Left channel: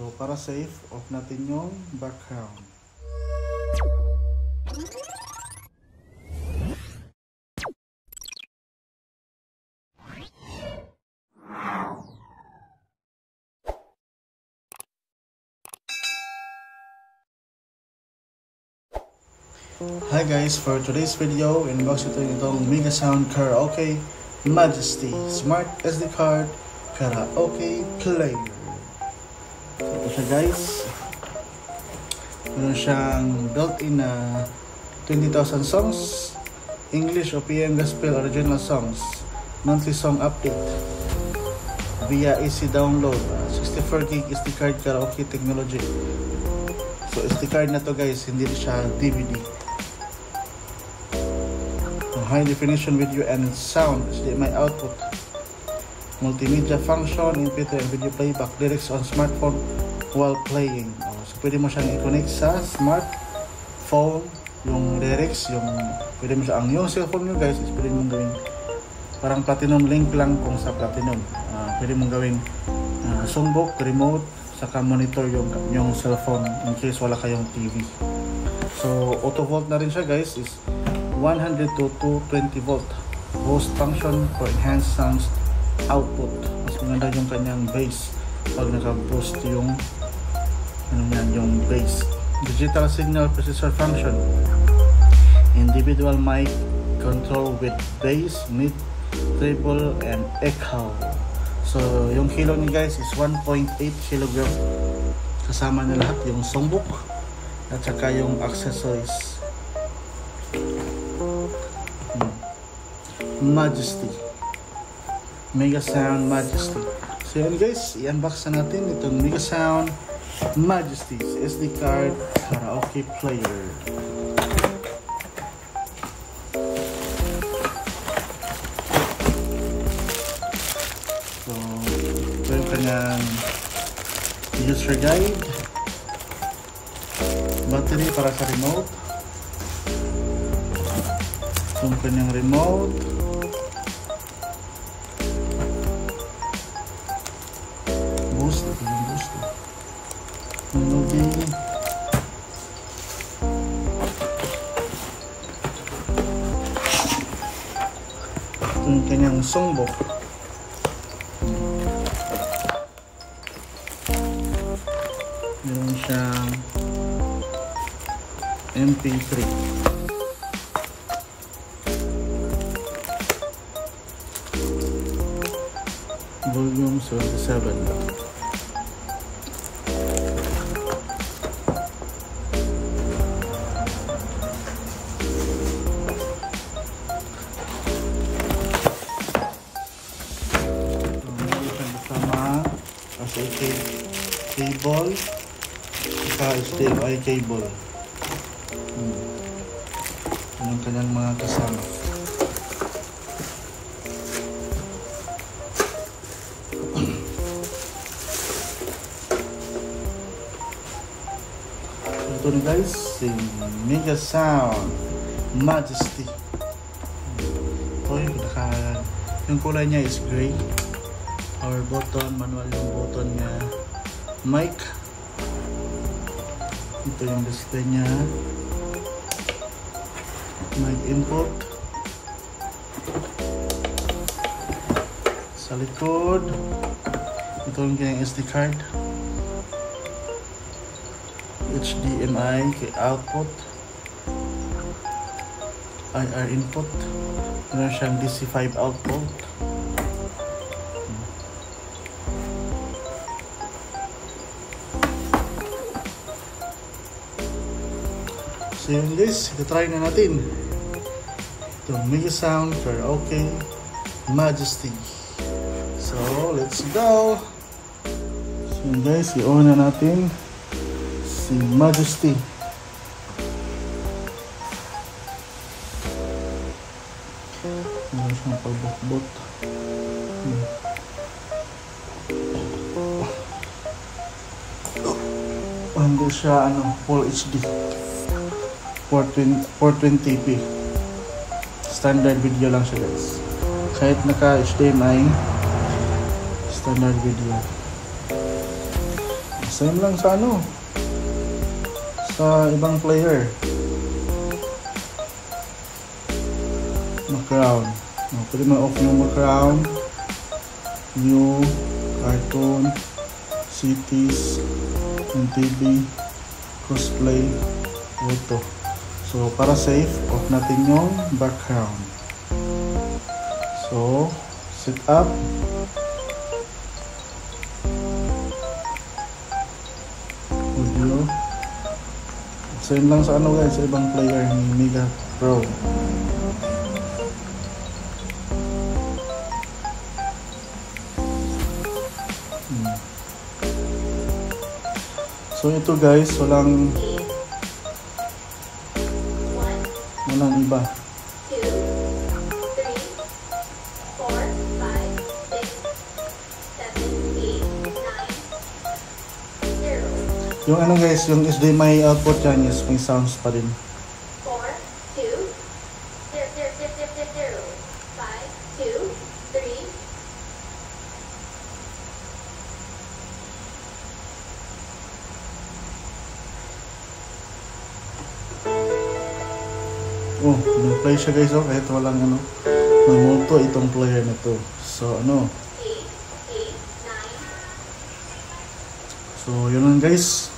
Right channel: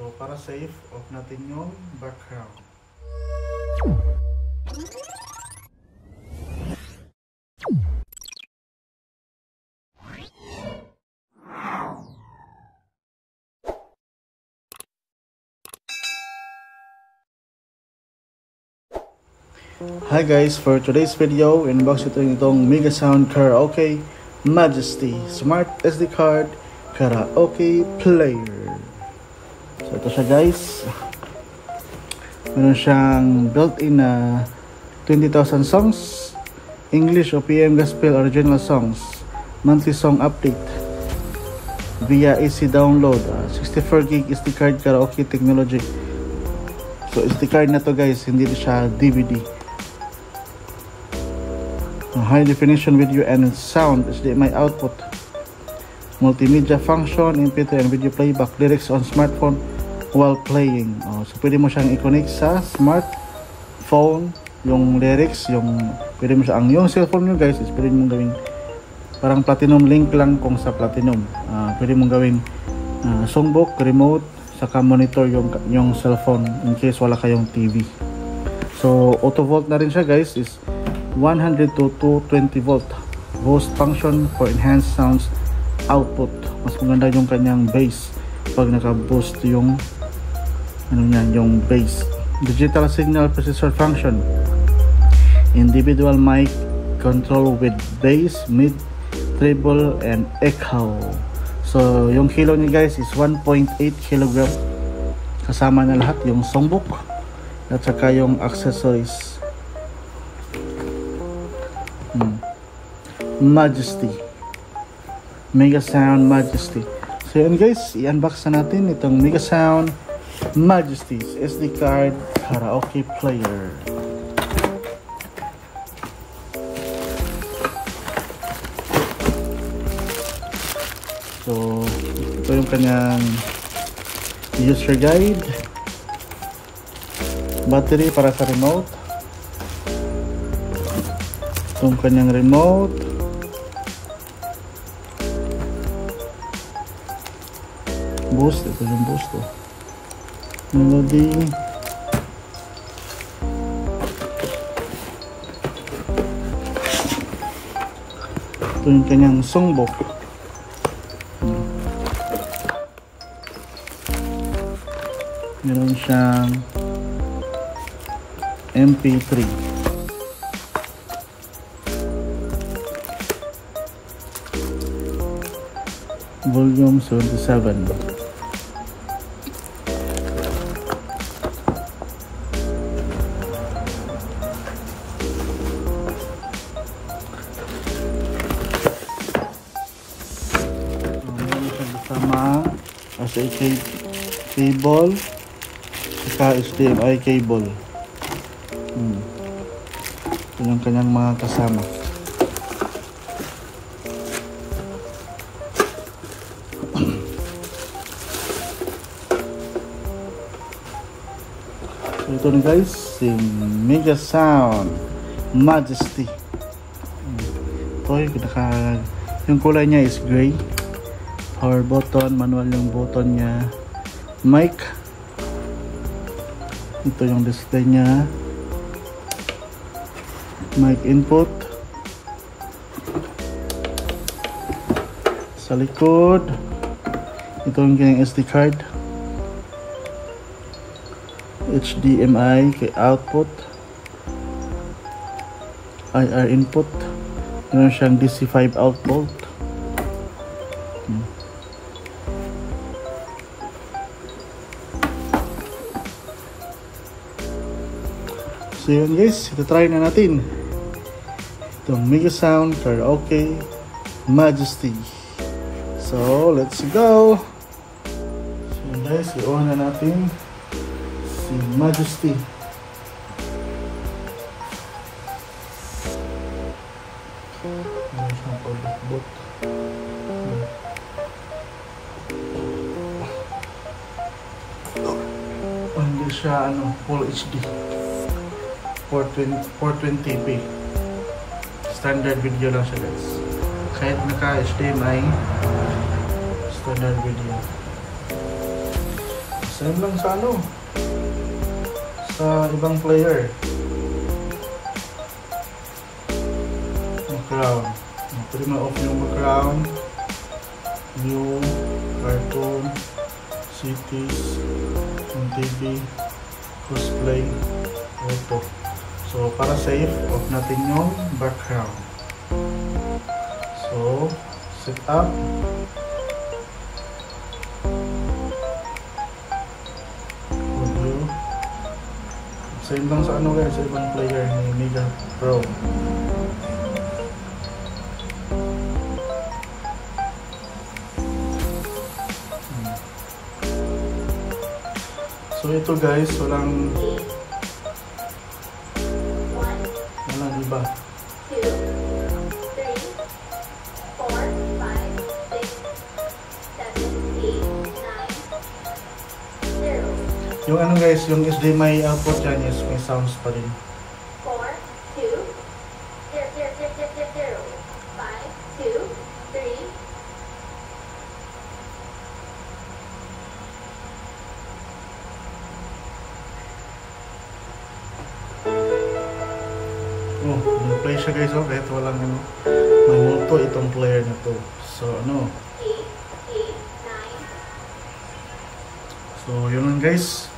So para safe, off natin yung background. Hi guys, for today's video, inbox ito itong Megasound Karaoke Majesty Smart SD Card Karaoke Player. So ito siya guys. Meron siyang built-in na 20,000 songs, English o PM Gospel original songs, monthly song update via easy download, 64GB SD card karaoke technology. So SD card na to guys, hindi siya DVD. High definition video and sound, HDMI output, multimedia function, MP3 and video playback, lyrics on smartphone while playing. So pwede mo siyang i-connect sa smartphone, yung lyrics, pwede mo siya, yung cellphone nyo guys, is pwede mo gawin parang platinum link lang kung sa platinum. Pwede mo gawin songbook, remote, saka monitor yung cellphone in case wala kayong TV. So auto volt na rin siya guys, is 100 to 220 volt boost function for enhanced sounds output. Mas maganda yung kanyang bass pag naka-boost yung bass. Digital signal processor function, individual mic control with bass, mid, treble and echo. So yung kilo ni guys is 1.8 kg, kasama na lahat yung songbook at saka yung accessories. Majesty, Megasound Majesty. So yun guys, i-unbox na natin itong Megasound Majesty's SD card karaoke player. So ito yung kanyang user guide, battery para sa remote, itong kanyang remote, boost, ito yung boost, melody, ito yung kanyang songbook, meron siyang MP3, volume 77. SA cable, saka HDMI cable. Yung kanyang mga kasama. Ito na guys, si Megasound Majesty. Ito yung kulay niya is gray. Power button, manual yung button niya, mic, ito yung display niya, mic input, sa likod ito yung kanyang SD card, HDMI output, IR input, meron siyang DC5 output. So yun guys, ito-try na natin itong Megasound Karaoke Majesty. So let's go. So yun guys, i-on na natin si Majesty. Hindi siya full HD, 420p standard video lang siya guys, kahit naka HDMI standard video. Same lang sa ano, sa ibang player. Crown. Pwede ma-off mo crown, new, cartoon, cities, TV, crossplay, auto. So para safe, off natin yung background. So set up. Video. Same lang sa ano guys, sa ibang player ni Mega Pro. So ito guys, walang iba. 2, 3, 4, 5, 6, 7, 8, 9, 0. Yung ano guys, yung HDMI output dyan is may sounds pa rin. 4, 2, 0, 0, 0, 0, 0, 0, 5, 2, 3. Oh, nag-play siya guys, oh, kahit walang ano, namulto itong player na to. So ano, 8, 8, 9. so yun lang guys.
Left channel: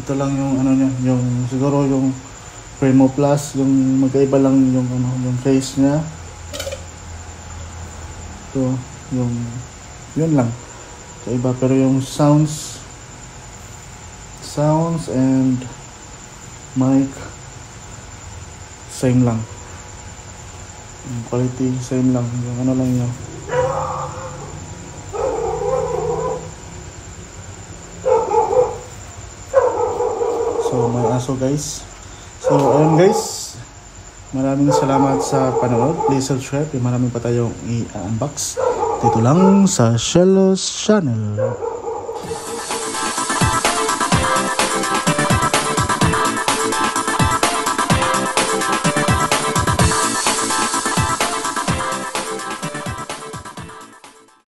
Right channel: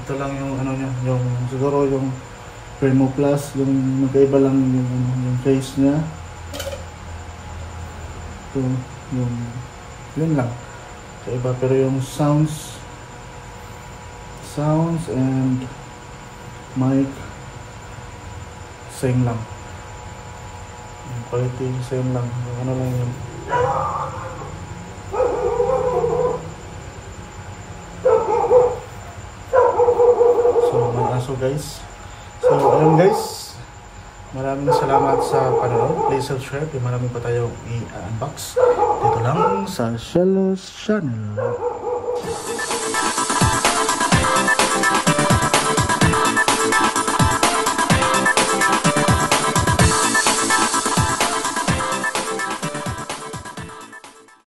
Ito lang yung ano nyo, yung siguro yung Primo Plus, yung magkaiba lang yung ano, yung face niya. Ito, yung yun lang. Kaiba, pero yung sounds and mic same lang. Yung quality same lang. Yung ano lang yun. So may aso guys. So ayun guys, maraming salamat sa panonood. Please subscribe. Maraming pa tayong i-unbox dito lang sa Shellos Channel.